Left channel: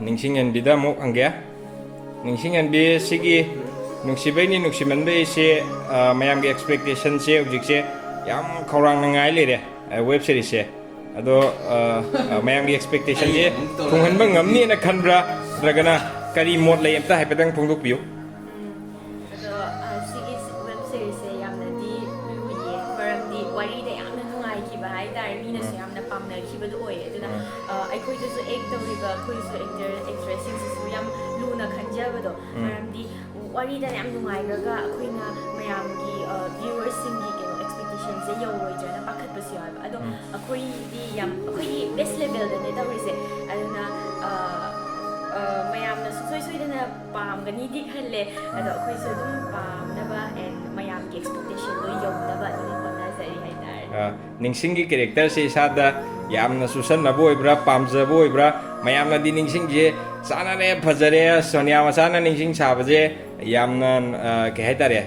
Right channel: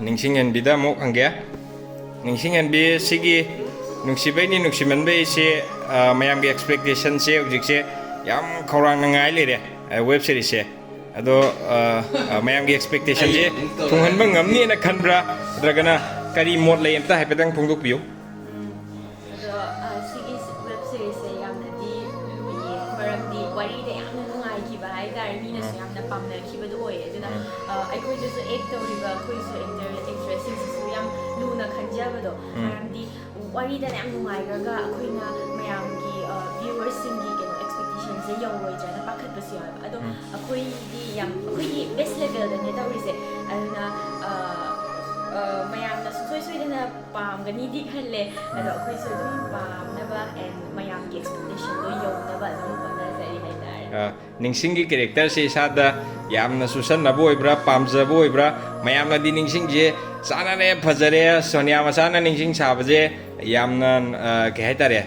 Ningsinghenbida muk hangge Ningsinghenbi sigi Nungshibeine Nungshimanbei se mayam gi expectation se object se yam khorang nangai lere web series se ado mayam gi expectation je thunghanba ngamni na khanbra dragana kari mod lay amta haipetang phongdok piu ado sigi web series se yamna di luye maramdi wari da yamna nungai ki ba hai dar mi na su yamna pamna ki ba do oye aduna aikoi da su ek toriba khoi su actress sing su yam luna khanja ba do maramdi wari da yam nungai ga akoina mayam gi viewers sing gi keno expectation se yo roi jana pakhat ba si ba ado akoi di yam akoi di best level da ne tawrise aduna mayam na soi da na pam gani di khalle ado akoi su dum pam na ba and mayam gi expectation do yo na ba dum pana sari hai dar Ningsing gi character se sada yamna susan na boy bra pamja boy bra mayam na di ningsing je sana ne phajare Sonia masana ningsing sabaje yamna ke haitare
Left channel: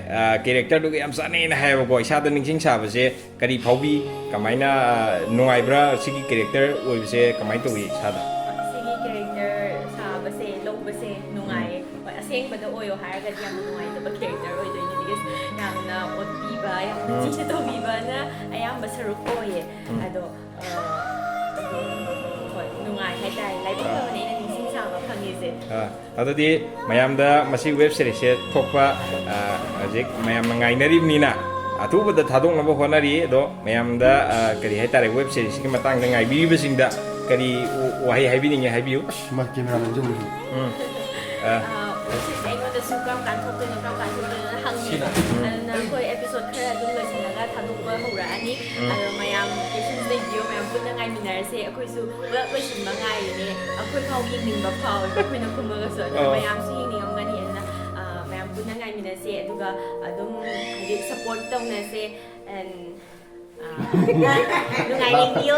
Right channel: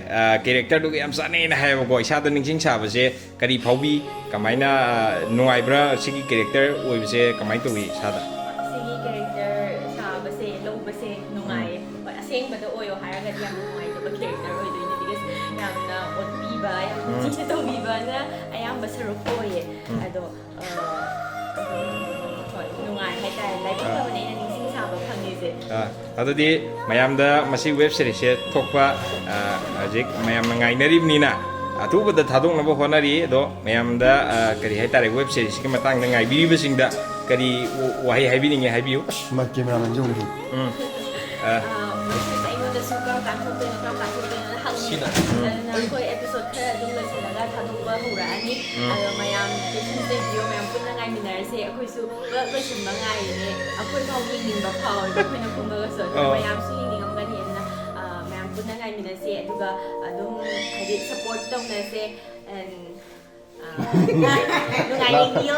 character du yam sane na hai go isada ningsing sabaje kari phaubi kamaina nungai bra sigi character oi bise kamai to wi sada sigi character sabase low base nungai oi aseng ba do oyo haraga yam nungai da ba character oi do ni because yamna oti ba yamna chi to bi ba na ayam ba saruk oye ado nungai hai dai lai ba ba ne na ningsing saba phangi se adadi mayam da masi web series se thokpa ajik mayam ngai narib ni na atuba da thadong na ba honari do mayam da kari hai tare web series ki matang da ngai bi sing da kari wahi hai bi ni hai biu ma camera man jong ni da su kam kan thok te no kam kan thok te na hang ni na koi episode khara dum loi chalaga thadok ba hura ani alo mayam kitchen de video mayam punna ngai minar se akoi su ba ba sim ba ngai ne akoi phau yengning ba phau ba koi na kum ba so mayam su yengning am gani na mayam punna ngai minar se aduga adum hadi support tong na se and nungai ning dio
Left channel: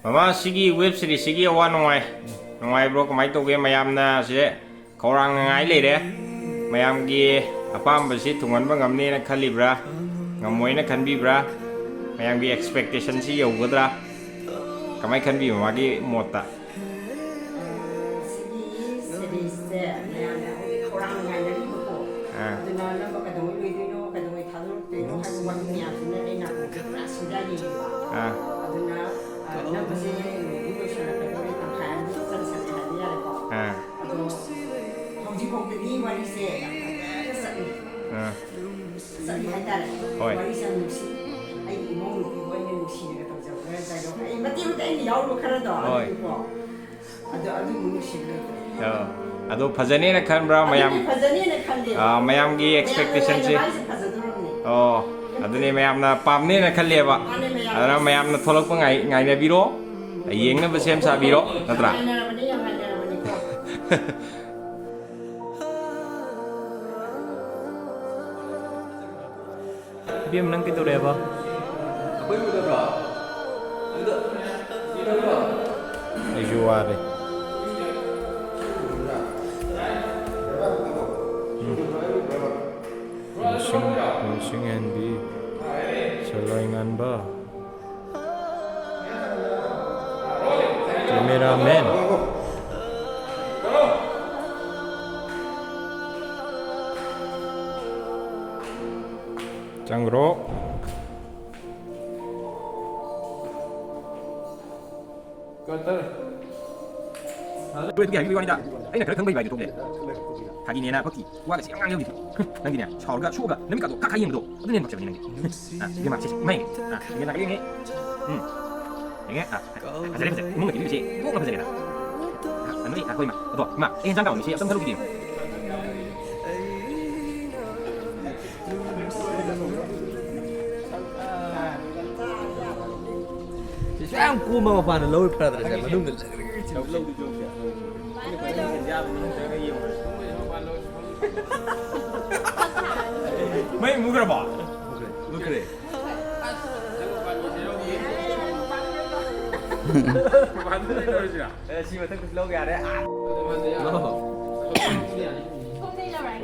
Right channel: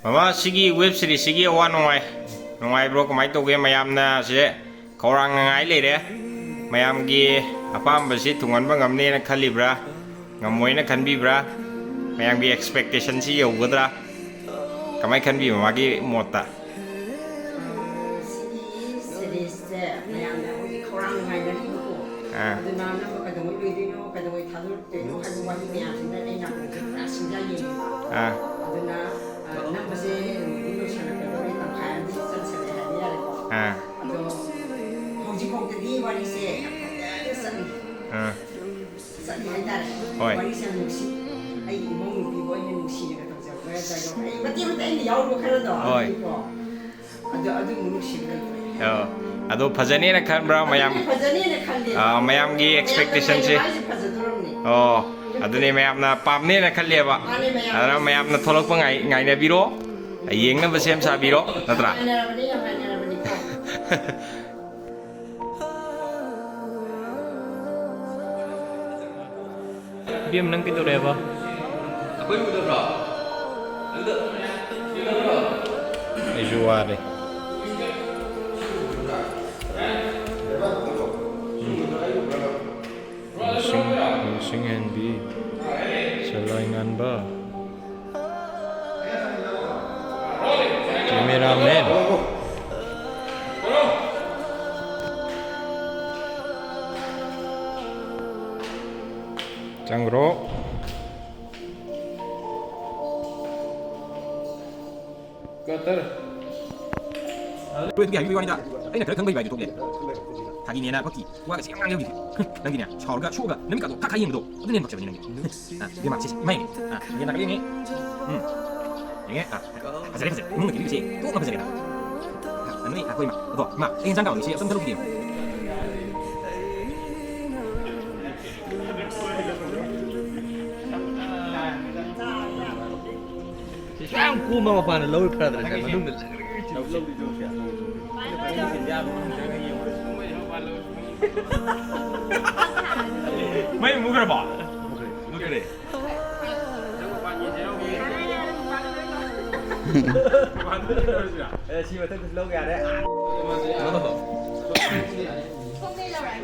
mama sigi web series sigi awa nongai bro kamai to ge mayam na se khorang ngai le re mayam gi apam ba si thungan ba ngamne na khalibra ngamoi na khanbi bra mayam gi expectation si yo godra kamai khanbi mama gi mota series se mayam na oi khorang ngai na ri ko aduna na ba ka doi loi de no ka doi thadul te no ha wa ni ya sin na na ko pra sin ja yi aduna na ba se ni ko sha ka doi tam khan di san san ha di ya ko ado hong ji kong de ni wari se sa ni hai da wari sa nu si ai imong nu bi bo ni nu si ni ka tong ja ga da do ai ma ti ta ni yaw ro khara do ko ado nu si ga ado phajane na khanbra mayam mayam gi expectation se adune mayam na pamne na khalle ba adra mayam na tholok pa ngai na biro yeng na ba sem sa biro natra biam nang kitu re ba akoi mu da bra ai juare Ningsinghenbi Selaingan ba Cameraman Cangro Cutter Wait, okay, you want that? I know can be by the today. Hagi nena paki. Wa ga siang ngang yogi. Nang gini, chao ga shuo ga, nem ka do ka yin do. Adu nen bakse ni nang. Dia mak sis, mai. Dia nak ini. Ini azare azare. Mung ga dili se. Ko ga azare. Ani aku ima. Do, ma, en sang ga ni se, sam thalu di. Sao cu mà vào là lâu phải là mà đúng được lâu Mấy mua cái bỏ. Mua cái này Chị có thích lâu gà đấy. không đây là right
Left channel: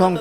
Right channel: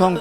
ท่อง